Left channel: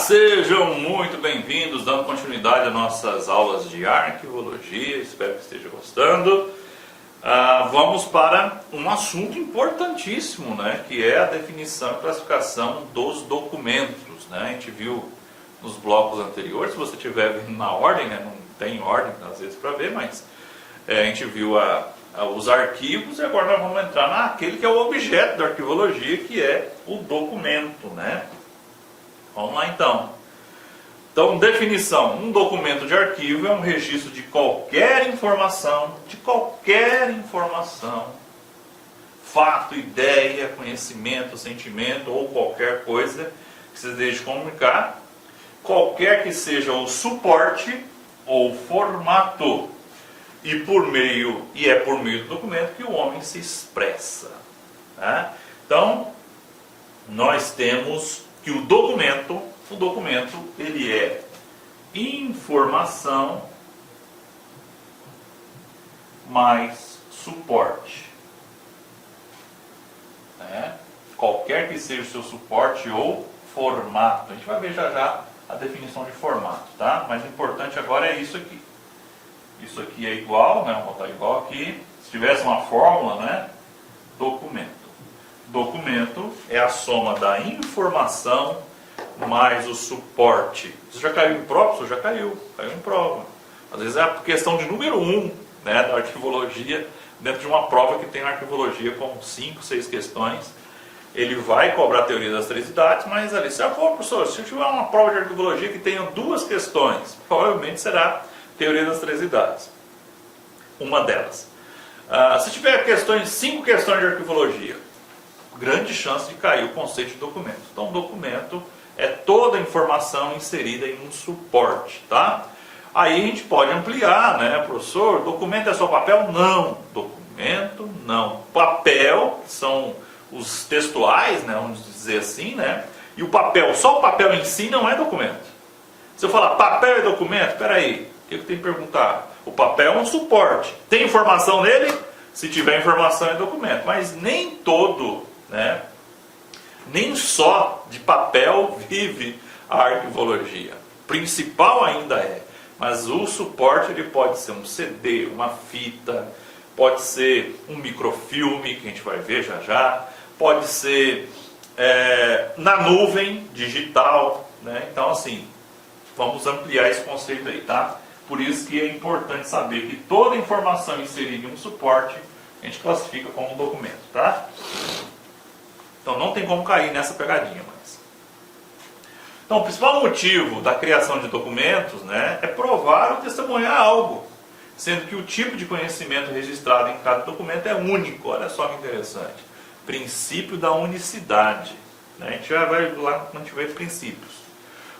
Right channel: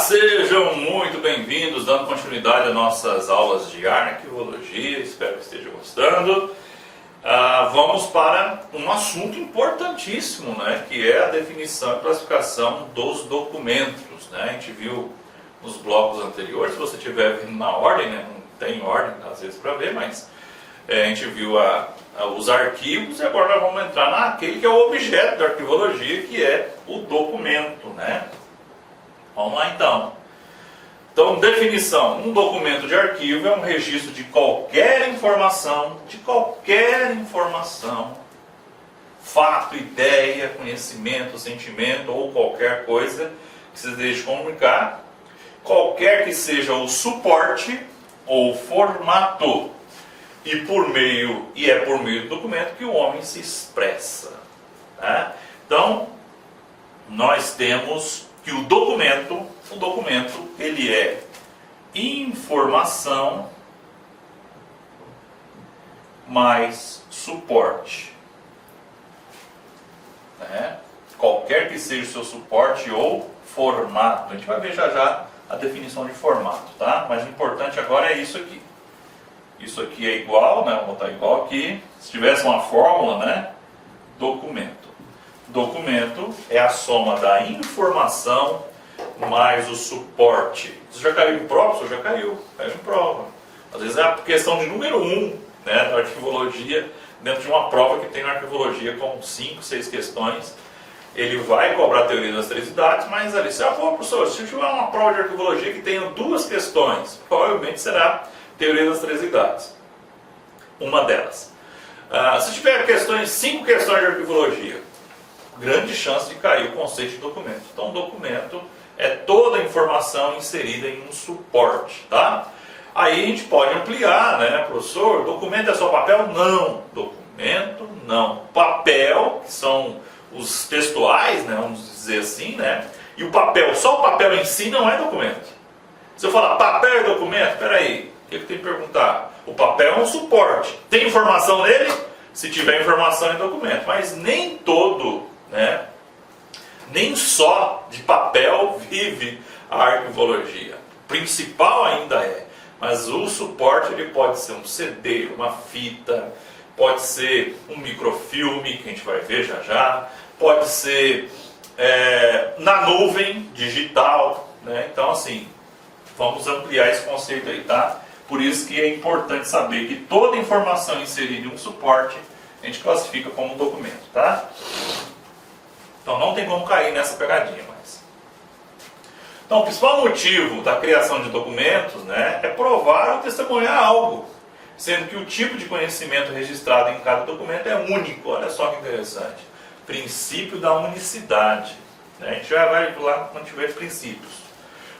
Sejam muito bem-vindos, dando continuidade às nossas aulas de arquivologia, espero que esteja gostando. Vamos para um assunto importantíssimo, né, que é a definição e classificação dos documentos. Né? A gente viu nos blocos anteriores, se você estiver vendo na ordem, né, não tem ordem às vezes para ver, mas a gente viu os arquivos e agora nós vamos entrar naquele que é o objeto da arquivologia, que é o documento, né? Vamos lá então. Então, definição: um documento de arquivo é um registro de qualquer informação, fato, ideia, conhecimento, sentimento ou qualquer coisa que se deseje comunicar, qualquer que seja o suporte ou formato, e é por meio do documento que o homem se expressa. Né? Então, nós temos que o documento ele é informação mais suporte. Né? Qualquer que seja o seu suporte ou formato. A gente vai ver já a definição de formato, tá? Mas o importante agora é isso aqui. Isso aqui é igual, né? Vamos botar igual aqui. Se tivesse uma fórmula, né? Documento. Documento é a soma da informação mais o suporte. Isso já caiu em prova? Isso já caiu em prova. Às vezes é a questão de número 1, né, da arquivologia, dentro de uma prova que tem na arquivologia com 5, 6 questões. Ele vai cobrar a teoria das três idades, mas ali, professor, se tiver uma prova de arquivologia que tenha 2 questões, provavelmente será teoria das três idades. Uma delas. Se tiver 5 questões de arquivologia, grande chance de cair o conceito de documento. Então, documento é toda a informação inserida em um suporte, tá? Aí a gente pode ampliar, né, professor? Documento é só papel? Não. Documento, não. Papel são os textuais, né, vamos dizer assim, né? E o papel, só o papel em si não é documento. Se eu falar papel é documento, peraí, o que eu tenho que perguntar? O papel é um suporte. Tem informação nele? Se tiver informação é documento. Mas nem todo, né? Nem só de papel vive a arquivologia. Principal ainda é. Mas o suporte ele pode ser um CD, uma fita, pode ser um microfilme, que a gente vai ver já, pode ser na nuvem digital. Né? Então, assim, vamos ampliar esse conceito aí, tá? Por isso que é importante saber que toda informação inserida em um suporte a gente classifica como um documento, tá? Então não tem como cair nessa pegadinha mais. Então o principal motivo da criação de documentos, né, é provar ou testemunhar algo, sendo que o tipo de conhecimento registrado em cada documento é único. Olha só que interessante. Princípio da unicidade. Né? A gente já vai lá quando tiver princípios.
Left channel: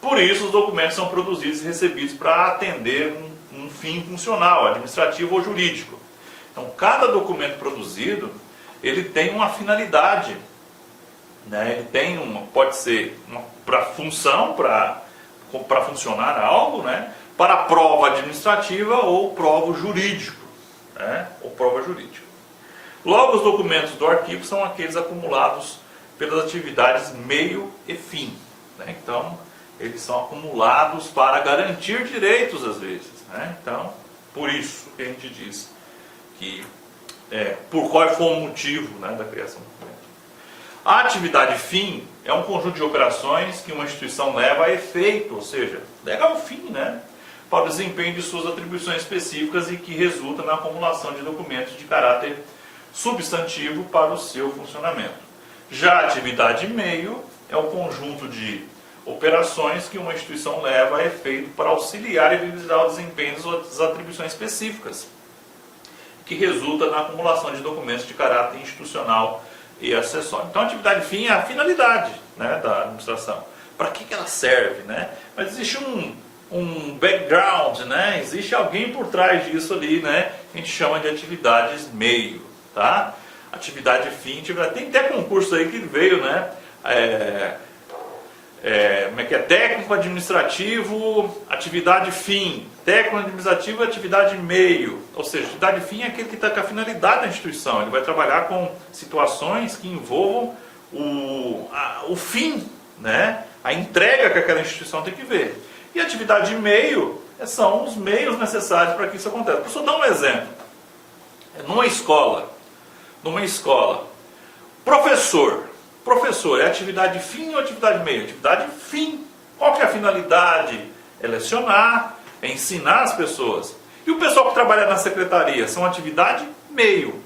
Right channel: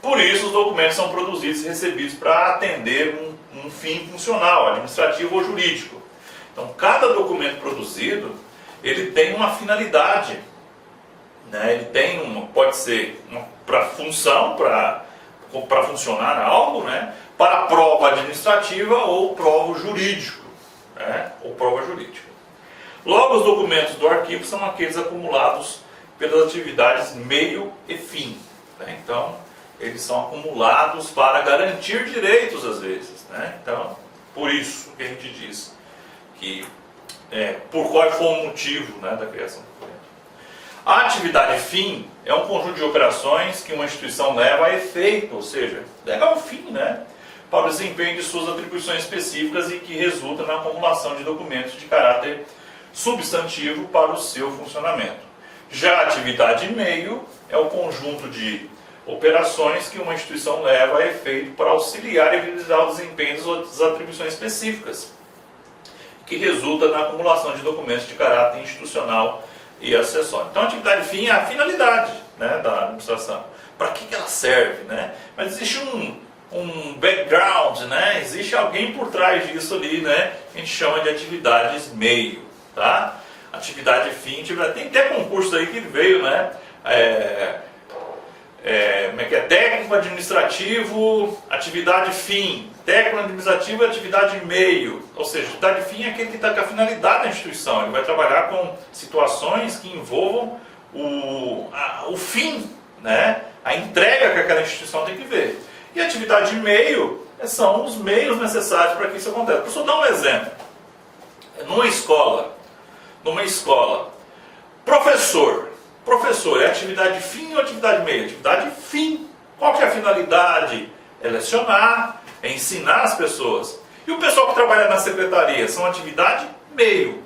Por isso os documentos são produzidos e recebidos para atender um fim funcional, administrativo ou jurídico. Então cada documento produzido, ele tem uma finalidade. Né? Ele tem pode ser para função, para funcionar algo, né? Para prova administrativa ou prova jurídico. Né? Ou prova jurídica. Logo, os documentos do arquivo são aqueles acumulados pelas atividades meio e fim. Né? Então, eles são acumulados para garantir direitos às vezes. Né? Então, por isso que a gente diz que por qual foi o motivo, né, da criação do documento. A atividade fim é um conjunto de operações que uma instituição leva a efeito, ou seja, leva ao fim, né, para o desempenho de suas atribuições específicas e que resulta na acumulação de documentos de caráter substantivo para o seu funcionamento. Já a atividade meio é o conjunto de operações que uma instituição leva a efeito para auxiliar e realizar o desempenho das atribuições específicas, que resulta na acumulação de documentos de caráter institucional e acessório. Então a atividade fim é a finalidade, né, da administração. Para que ela serve? Né? Mas existe um background, né? Existe alguém por trás disso ali, né? A gente chama de atividades meio. Tá? Atividade fim, tem até concurso aí que veio, né? Como é que é? Técnico administrativo, atividade fim. Técnico administrativo e atividade meio. Ou seja, atividade fim é aquele que está com a finalidade da instituição. Ele vai trabalhar com situações que envolvam o fim, né? A entrega que aquela instituição tem que ver. E atividade de meio são os meios necessários para que isso aconteça. Professor, dá um exemplo. Numa escola, professor é atividade fim ou atividade meio? Atividade fim. Qual que é a finalidade? É lecionar, é ensinar as pessoas. E o pessoal que trabalha na secretaria são atividade meio.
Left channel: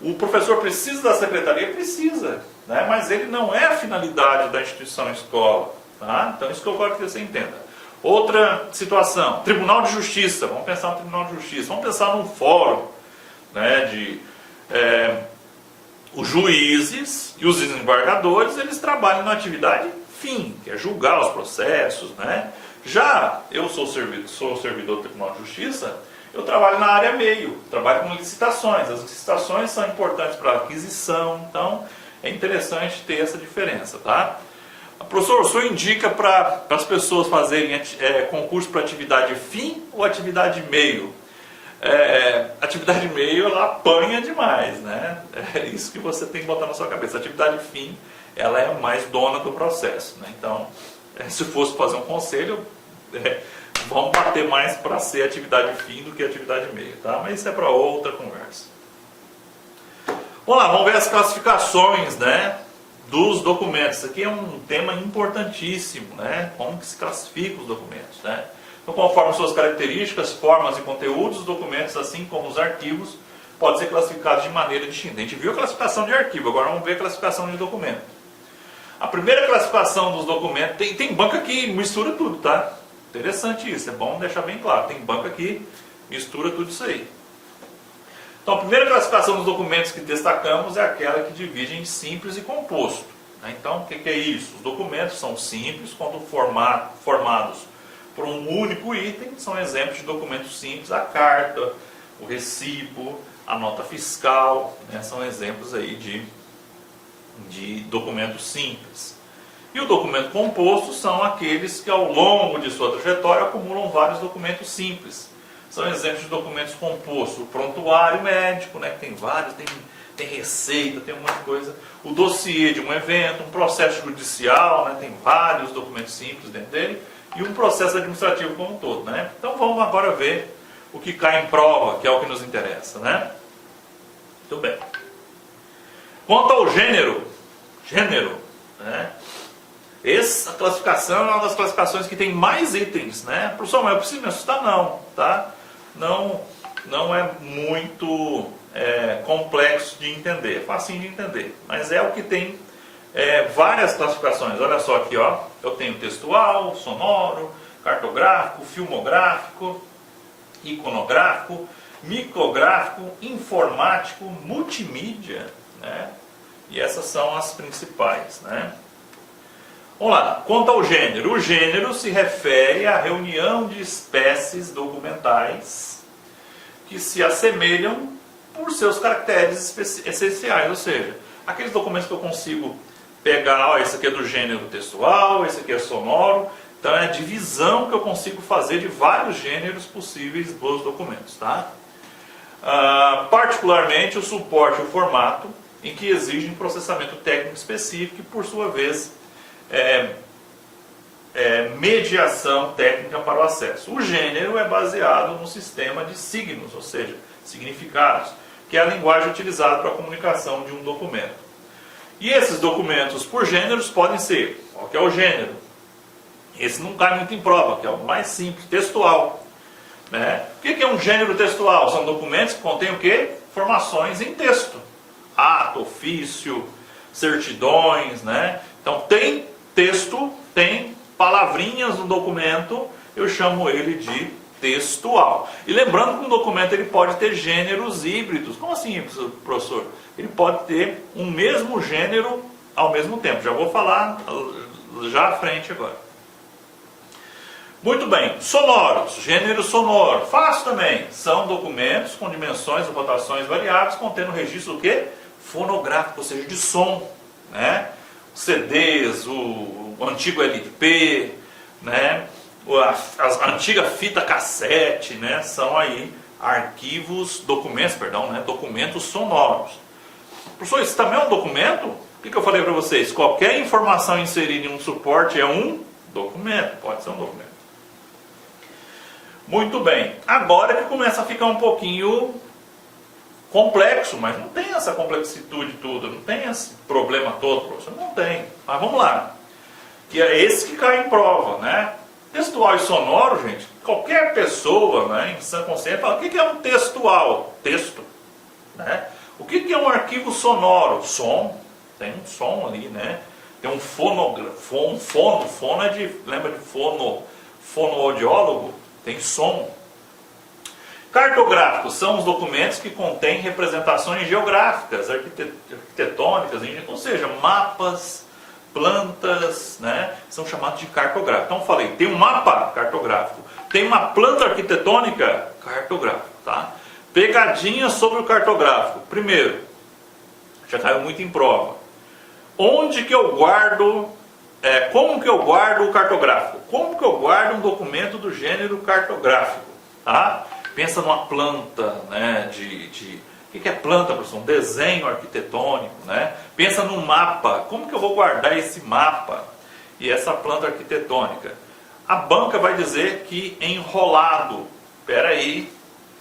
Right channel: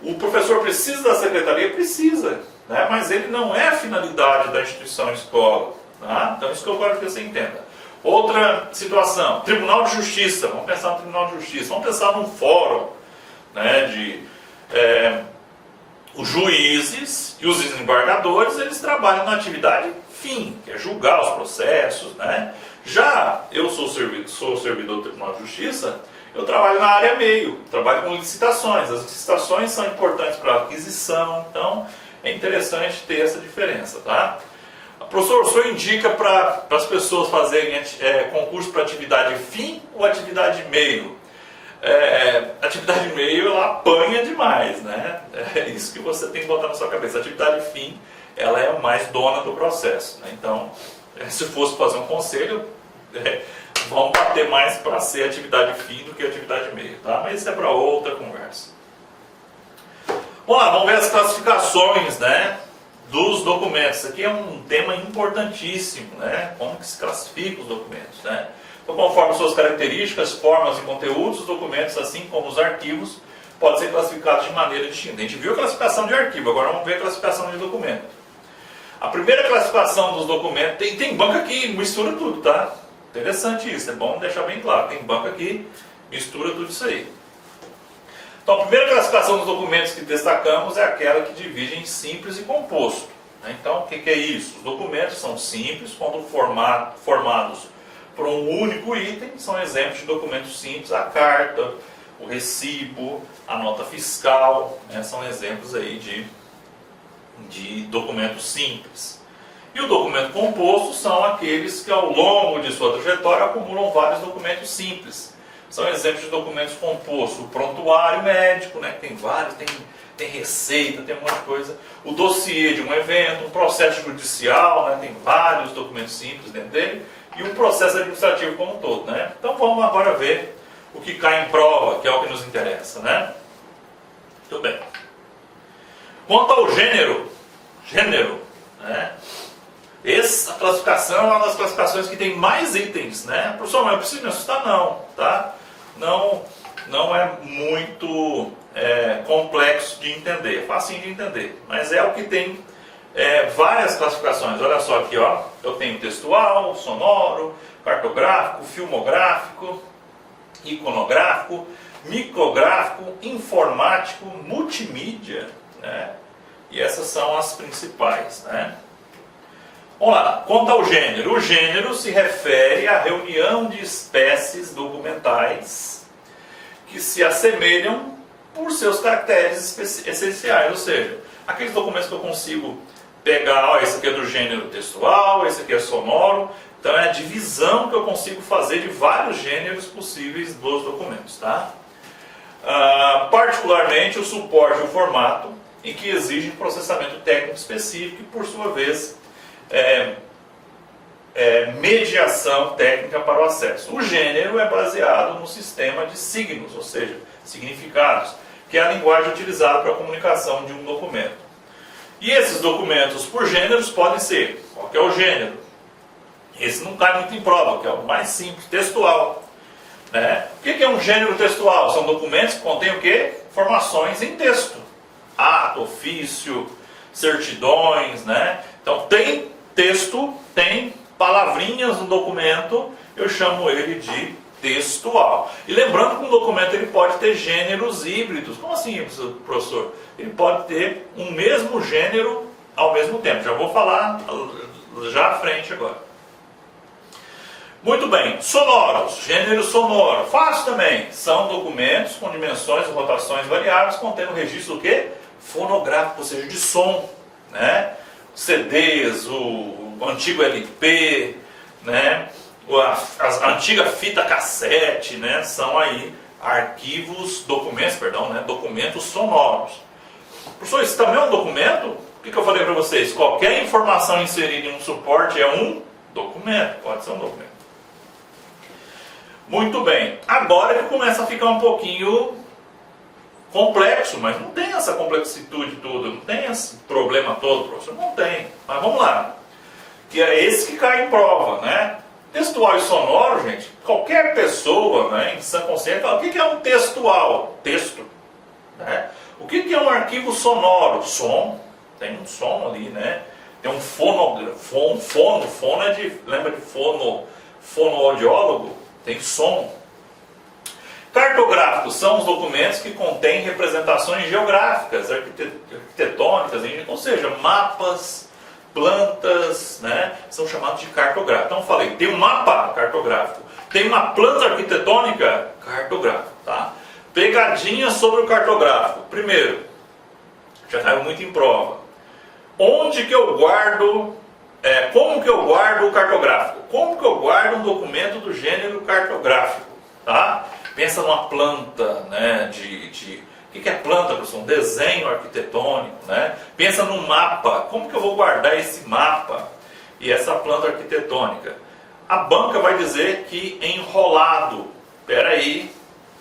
O professor precisa da secretaria? Precisa, né? Mas ele não é a finalidade da instituição escola. Tá? Então isso que eu quero que você entenda. Outra situação, Tribunal de Justiça. Vamos pensar no Tribunal de Justiça. Vamos pensar num fórum, né, os juízes e os desembargadores, eles trabalham na atividade fim, que é julgar os processos, né? Já eu sou servidor do Tribunal de Justiça, eu trabalho na área meio, trabalho com licitações. As licitações são importantes para a aquisição, então é interessante ter essa diferença, tá? Professor, o senhor indica para as pessoas fazerem concurso para atividade fim ou atividade meio? Atividade meio, ela apanha demais, né? É isso que você tem que botar na sua cabeça. A atividade fim, ela é mais dona do processo, né? Então, se fosse fazer um conselho, vamos bater mais para ser atividade fim do que atividade meio, tá? Mas isso é para outra conversa. Vamos lá, vamos ver as classificações, né, dos documentos. Isso aqui é um tema importantíssimo, né? Como que se classifica os documentos, né? Então, conforme suas características, formas e conteúdos, os documentos, assim como os arquivos, podem ser classificados de maneira distinta. A gente viu a classificação de arquivo, agora vamos ver a classificação de documento. A primeira classificação dos documentos, tem banca que mistura tudo, tá? Interessante isso, é bom deixar bem claro. Tem banca que mistura tudo isso aí. Então, a primeira classificação dos documentos que destacamos é aquela que divide em simples e composto, né? Então, o que é isso? Os documentos são simples quando formados por um único item, são exemplos de documentos simples, a carta, o recibo, a nota fiscal, né? São exemplos aí de documentos simples. E o documento composto são aqueles que ao longo de sua trajetória acumulam vários documentos simples. São exemplos de documentos compostos. O prontuário médico, né? Tem vários, tem receita, tem um monte de coisa. O dossiê de um evento, um processo judicial, né? Tem vários documentos simples dentro dele. E um processo administrativo como um todo, né? Então vamos agora ver o que cai em prova, que é o que nos interessa, né? Tudo bem. Quanto ao gênero, né? Essa classificação é uma das classificações que tem mais itens, né? Professor, mas eu preciso me assustar? Não, tá? Não é muito complexo de entender, é facinho de entender, mas é o que tem várias classificações. Olha só aqui, ó, eu tenho textual, sonoro, cartográfico, filmográfico, iconográfico, micrográfico, informático, multimídia, né? E essas são as principais, né? Vamos lá, quanto ao gênero. O gênero se refere à reunião de espécies documentais que se assemelham por seus caracteres essenciais, ou seja, aqueles documentos que eu consigo pegar, ó, esse aqui é do gênero textual, esse aqui é sonoro, então é a divisão que eu consigo fazer de vários gêneros possíveis dos documentos, tá? Particularmente o suporte e o formato, em que exigem processamento técnico específico e, por sua vez, mediação técnica para o acesso. O gênero é baseado no sistema de signos, ou seja, significados, que é a linguagem utilizada para a comunicação de um documento. E esses documentos por gêneros podem ser, qual que é o gênero? Esse não cai muito em prova, que é o mais simples, textual, né? O que é um gênero textual? São documentos que contêm o quê? Informações em texto. Ato, ofício, certidões, né? Então tem texto, tem palavrinhas no documento, eu chamo ele de textual. E lembrando que um documento ele pode ter gêneros híbridos. Como assim, professor? Ele pode ter um mesmo gênero ao mesmo tempo. Já vou falar já à frente agora. Muito bem, sonoros, gênero sonoro, fácil também. São documentos com dimensões e rotações variáveis, contendo registro do quê? Fonográfico, ou seja, de som, né? CDs, o antigo LP, né? A antiga fita cassete, né? São aí documentos sonoros. Professor, isso também é um documento? O que eu falei para vocês? Qualquer informação inserida em um suporte é um documento, pode ser um documento. Muito bem, agora que começa a ficar um pouquinho complexo, mas não tem essa complexitude toda, não tem esse problema todo, professor, não tem. Mas vamos lá, que é esse que cai em prova, né? Textual e sonoro, gente, qualquer pessoa, né, em sã consciência fala, o que é um textual? Texto. Né? O que é um arquivo sonoro? Som, tem um som ali, né? Tem um fonografo, fono é de, lembra de fonoaudiólogo? Tem som. Cartográficos são os documentos que contêm representações geográficas, arquitetônicas, ou seja, mapas, plantas, né, são chamados de cartográficos. Então eu falei, tem um mapa cartográfico, tem uma planta arquitetônica cartográfico, tá? Pegadinhas sobre o cartográfico. Primeiro, já caiu muito em prova. Onde que eu guardo, como que eu guardo o cartográfico? Como que eu guardo um documento do gênero cartográfico? Tá? Pensa numa planta, né, o que é planta, professor? Um desenho arquitetônico, né? Pensa num mapa. Como que eu vou guardar esse mapa e essa planta arquitetônica? A banca vai dizer que enrolado. Espera aí.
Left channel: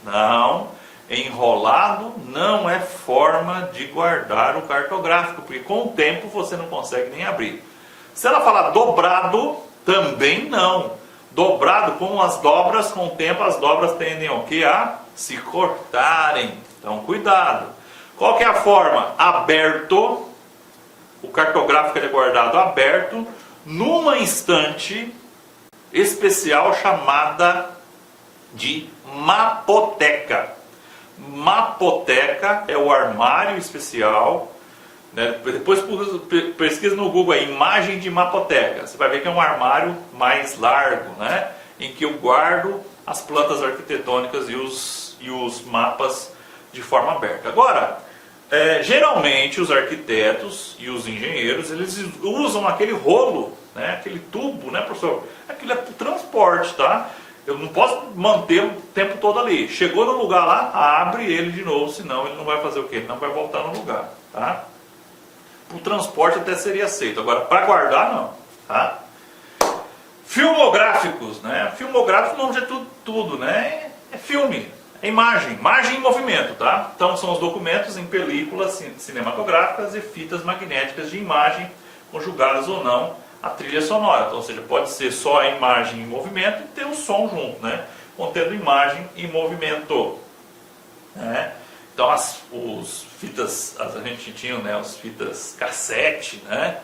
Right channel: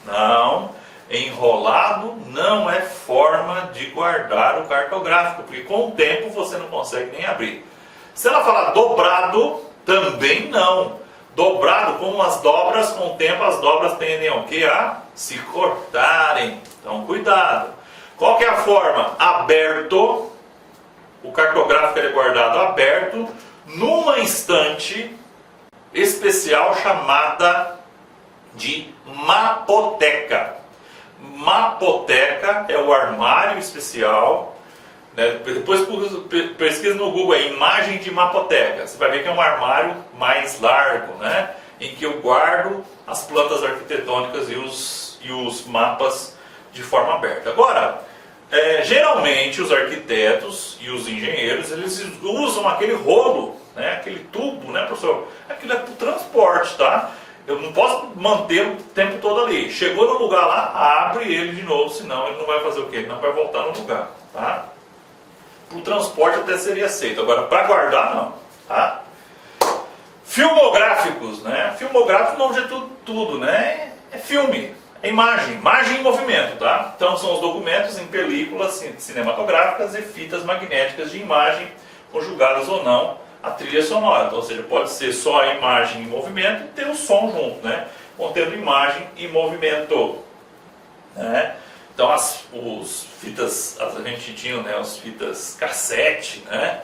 Não. Enrolado não é forma de guardar o cartográfico, porque com o tempo você não consegue nem abrir. Se ela falar dobrado, também não. Dobrado, como as dobras, com o tempo as dobras tendem ao quê? A se cortarem. Então, cuidado. Qual que é a forma? Aberto. O cartográfico é guardado aberto numa estante especial chamada de mapoteca. Mapoteca é o armário especial. Né? Depois pesquisa no Google aí, imagem de mapoteca. Você vai ver que é um armário mais largo, né? Em que eu guardo as plantas arquitetônicas e os mapas de forma aberta. Agora, geralmente os arquitetos e os engenheiros, eles usam aquele rolo, né? Aquele tubo, né, professor? Aquilo é para o transporte, tá? Eu não posso manter o tempo todo ali. Chegou no lugar lá, abre ele de novo, senão ele não vai fazer o quê? Ele não vai voltar no lugar, tá? O transporte até seria aceito, agora para guardar não, tá? Filmográficos, né? Filmográfico, o nome de tudo, né? É filme, é imagem em movimento, tá? Então são os documentos em películas cinematográficas e fitas magnéticas de imagem, conjugadas ou não a trilha sonora. Então, ou seja, pode ser só a imagem em movimento e ter o som junto, né? Contendo imagem em movimento, né? Então as fitas, a gente tinha, né, as fitas cassete, né?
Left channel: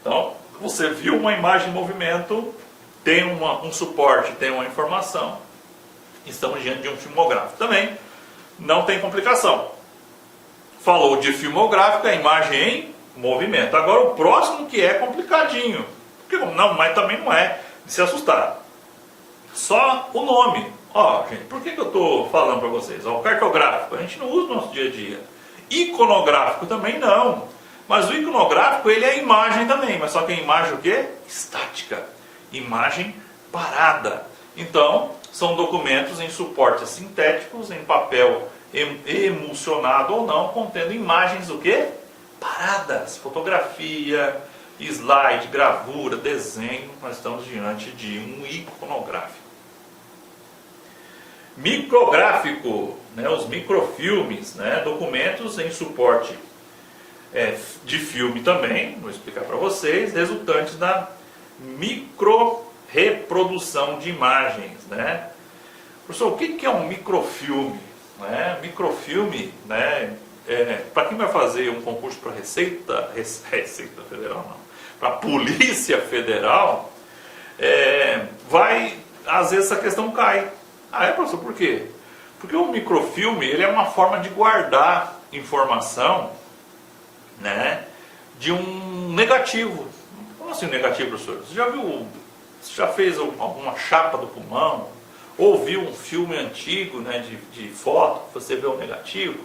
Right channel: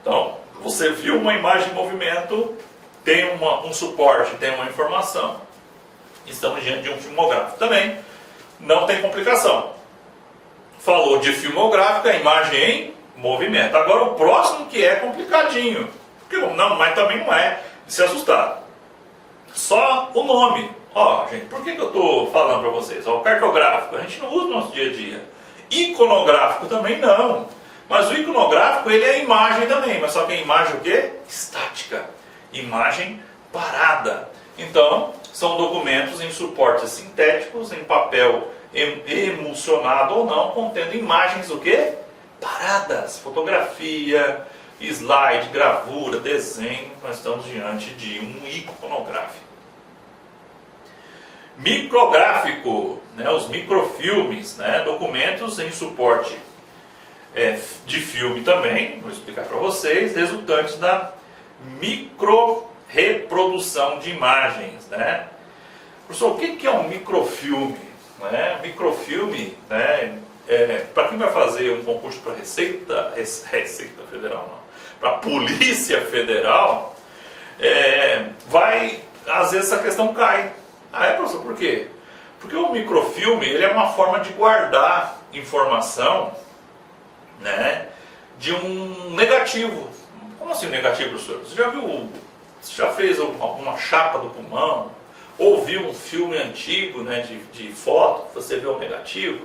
Então você viu uma imagem em movimento, tem um suporte, tem uma informação. Estamos diante de um filmográfico. Também não tem complicação. Falou de filmográfico, a imagem em movimento. Agora o próximo que é complicadinho. Não, mas também não é de se assustar. Só o nome. Ó, gente, por que eu estou falando para vocês? Ó, o cartográfico, a gente não usa no nosso dia a dia. Iconográfico também não. Mas o iconográfico, ele é imagem também. Mas só que é imagem o quê? Estática. Imagem parada. Então, são documentos em suportes sintéticos, em papel emulsionado ou não, contendo imagens o quê? Paradas. Fotografia, slide, gravura, desenho. Nós estamos diante de um iconográfico. Micrográfico, né, os microfilmes, né, documentos em suporte de filme também, vou explicar para vocês, resultantes da microreprodução de imagens. Né? Professor, o que é um microfilme? Né? Microfilme, né, para quem vai fazer um concurso para Receita Federal, não, para a Polícia Federal, às vezes essa questão cai. Ah, professor, por quê? Porque o microfilme, ele é uma forma de guardar informação, né, de um negativo. Como assim um negativo, professor? Você já fez alguma chapa do pulmão? Ou viu um filme antigo, né, de foto, você vê o negativo?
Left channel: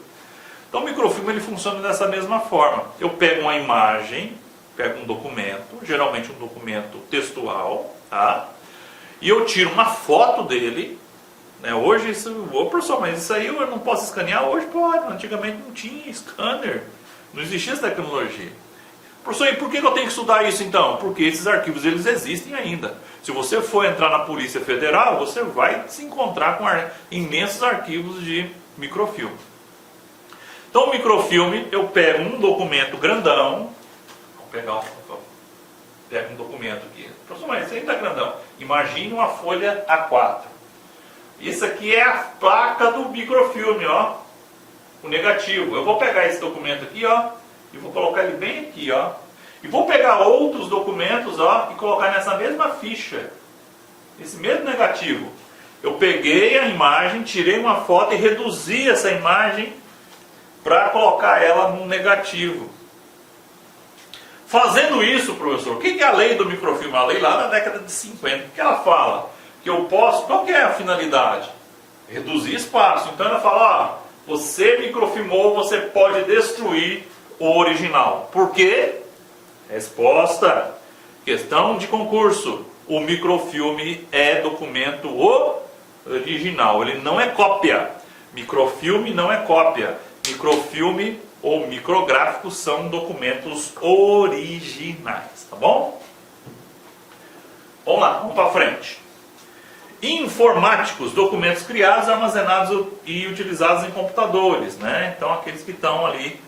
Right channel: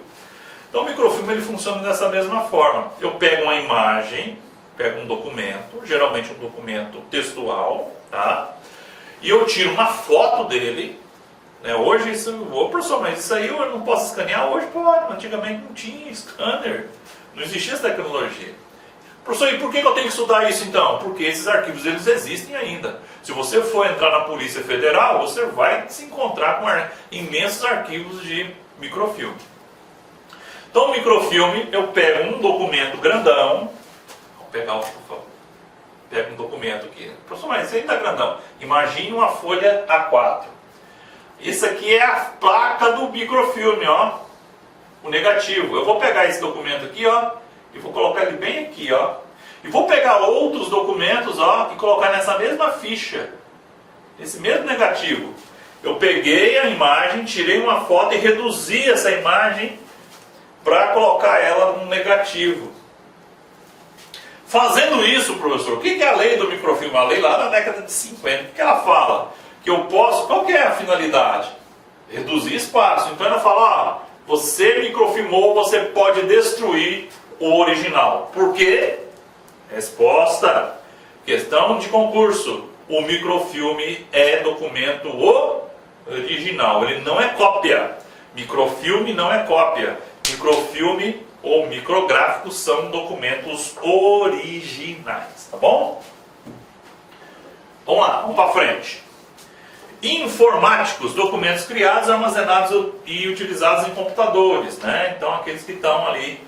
Então o microfilme, ele funciona dessa mesma forma. Eu pego uma imagem, pego um documento, geralmente um documento textual, tá? E eu tiro uma foto dele. Hoje professor, mas isso aí eu não posso escanear? Hoje pode, antigamente não tinha scanner, não existia essa tecnologia. Professor, e por que eu tenho que estudar isso então? Porque esses arquivos, eles existem ainda. Se você for entrar na Polícia Federal, você vai se encontrar com imensos arquivos de microfilme. Então, o microfilme, eu pego um documento grandão, vou pegar pego um documento aqui, professor, esse aí está grandão. Imagine uma folha A4. Isso aqui é a placa do microfilme, ó, o negativo. Eu vou pegar esse documento aqui, ó, e vou colocar ele bem aqui, ó. E vou pegar outros documentos, ó, e colocar nessa mesma ficha, nesse mesmo negativo. Eu peguei a imagem, tirei uma foto e reduzi essa imagem para colocar ela no negativo. Fazendo isso, professor, o que é a lei do microfilme? A lei lá na década de 50, o que ela fala? Que eu posso, qual que é a finalidade? Reduzir espaço. Então ela fala, ó, você microfilmou, você pode destruir o original. Por quê? Resposta, questão de concurso. O microfilme é documento original, ele não é cópia. Microfilme não é cópia. Microfilme ou micrográficos são documentos originais, tá bom? Vamos lá, vamos para frente. Informáticos, documentos criados, armazenados e utilizados em computadores, né? Então aqueles que estão ali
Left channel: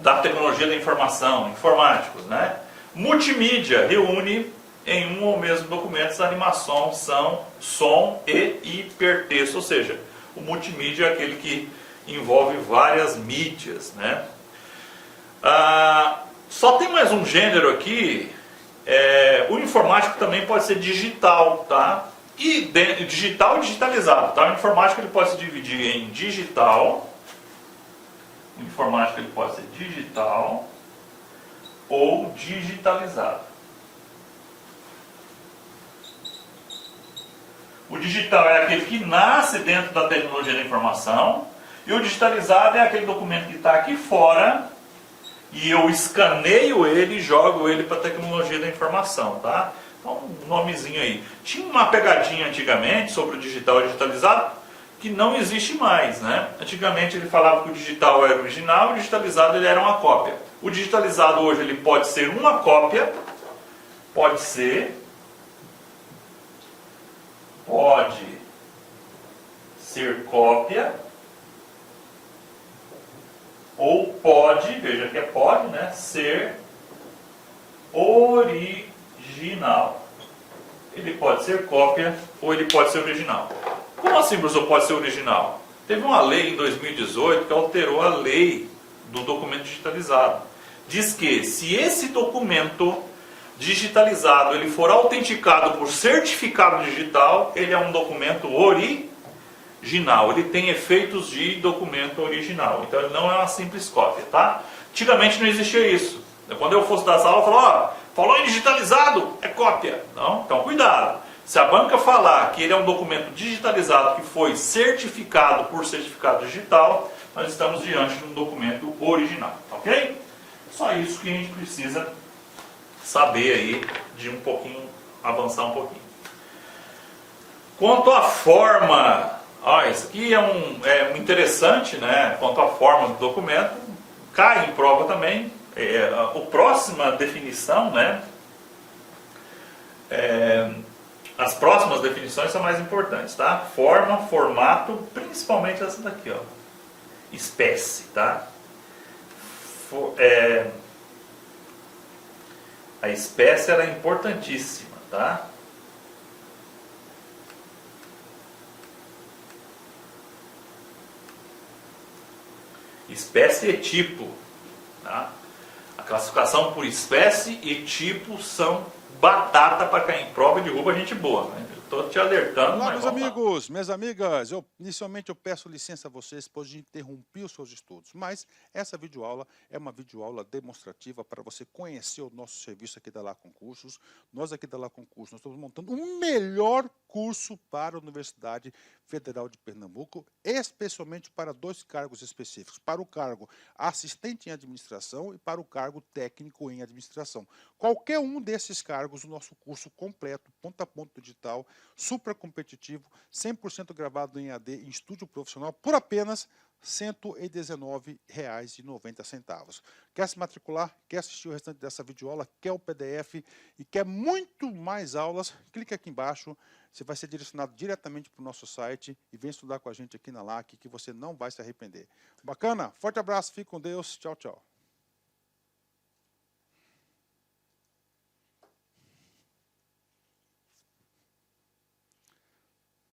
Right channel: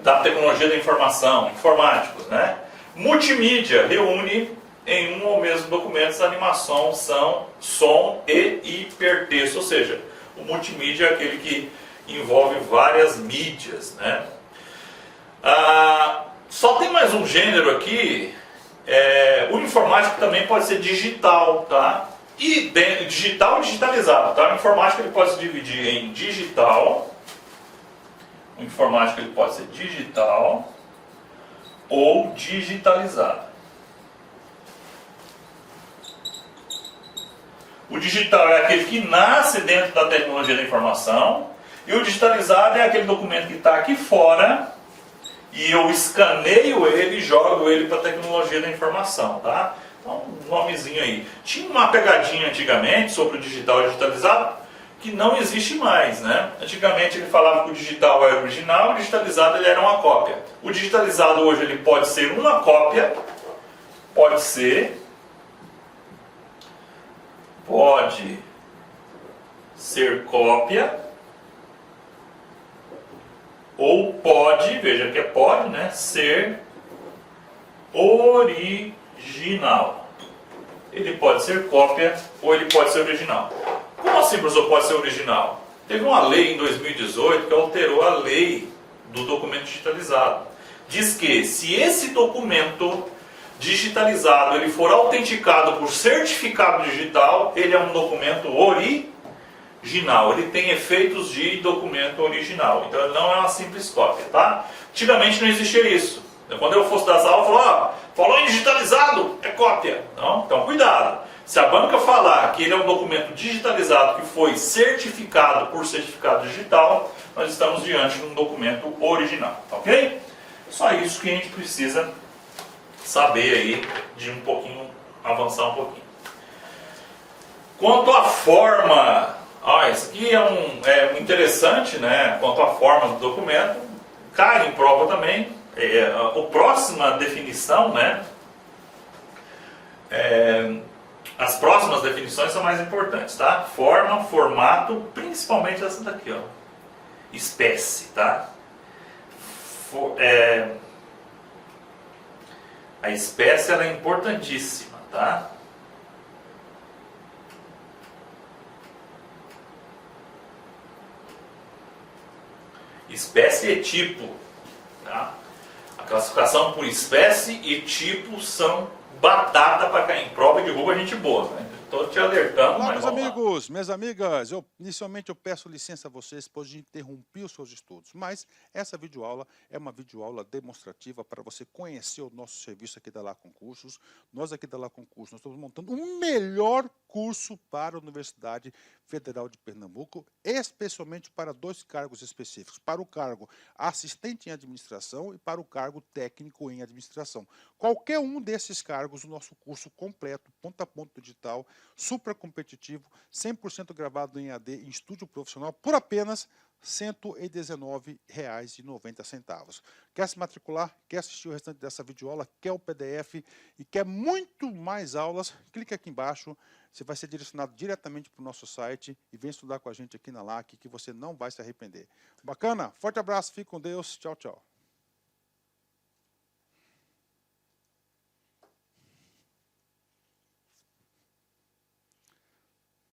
da tecnologia da informação, informáticos, né? Multimídia reúne em um ou mesmo documento animação, som e hipertexto, ou seja, o multimídia é aquele que envolve várias mídias, né? Só tem mais um gênero aqui. O informático também pode ser digital, tá? E digital e digitalizado, tá? O informático ele pode se dividir em digital. O informático ele pode ser digital ou digitalizado. O digital é aquele que nasce dentro da tecnologia da informação e o digitalizado é aquele documento que está aqui fora e eu escaneio ele e jogo ele para a tecnologia da informação, tá? Então, um nomezinho aí. Tinha uma pegadinha antigamente sobre o digital e digitalizado que não existe mais, né? Antigamente ele falava que o digital era original, o digitalizado ele era uma cópia. O digitalizado hoje ele pode ser uma cópia, pode ser cópia, ou pode, veja que é pode, né, ser original. Ele pode ser cópia ou ele pode ser original. Como assim, professor, pode ser original? Teve uma lei em 2018 que alterou a lei do documento digitalizado. Diz que se esse documento digitalizado ele for autenticado por certificado digital, ele é um documento original. Ele tem efeitos de documento original. Então ele não é uma simples cópia, tá? Antigamente não existia isso. Quando eu fosse dar essa aula, eu falava, falou em digitalizado, é cópia. Não? Então cuidado. Se a banca falar que ele é um documento digitalizado que foi certificado por certificado digital, nós estamos diante de um documento original, ok? Só isso que a gente precisa saber aí, de um pouquinho, avançar um pouquinho. Quanto à forma, isso aqui é interessante, né? Quanto à forma do documento, cai em prova também. A próxima definição, né? As próximas definições são mais importantes, tá? Forma, formato, principalmente essa daqui, ó. Espécie, tá? A espécie ela é importantíssima, tá? Espécie e tipo, tá? A classificação por espécie e tipo são batata para cair em prova e derruba gente boa, né? Estou te alertando. Olá, meus amigos, minhas amigas. Inicialmente eu peço licença a vocês, pois de interromper os seus estudos. Mas essa videoaula é uma videoaula demonstrativa para você conhecer o nosso serviço aqui da Lá Concursos. Nós aqui da Lá Concursos, nós estamos montando um melhor curso para a Universidade Federal de Pernambuco, especialmente para 2 cargos específicos, para o cargo assistente em administração e para o cargo técnico em administração. Qualquer um desses cargos, o nosso curso completo, ponta a ponta digital, super competitivo, 100% gravado em AD em estúdio profissional por apenas R$ 119,90. Quer se matricular, quer assistir o restante dessa videoaula, quer o PDF e quer muito mais aulas, clique aqui embaixo, você vai ser direcionado diretamente para o nosso site e vem estudar com a gente aqui na LAC, que você não vai se arrepender. Bacana? Forte abraço, fique com Deus, tchau, tchau.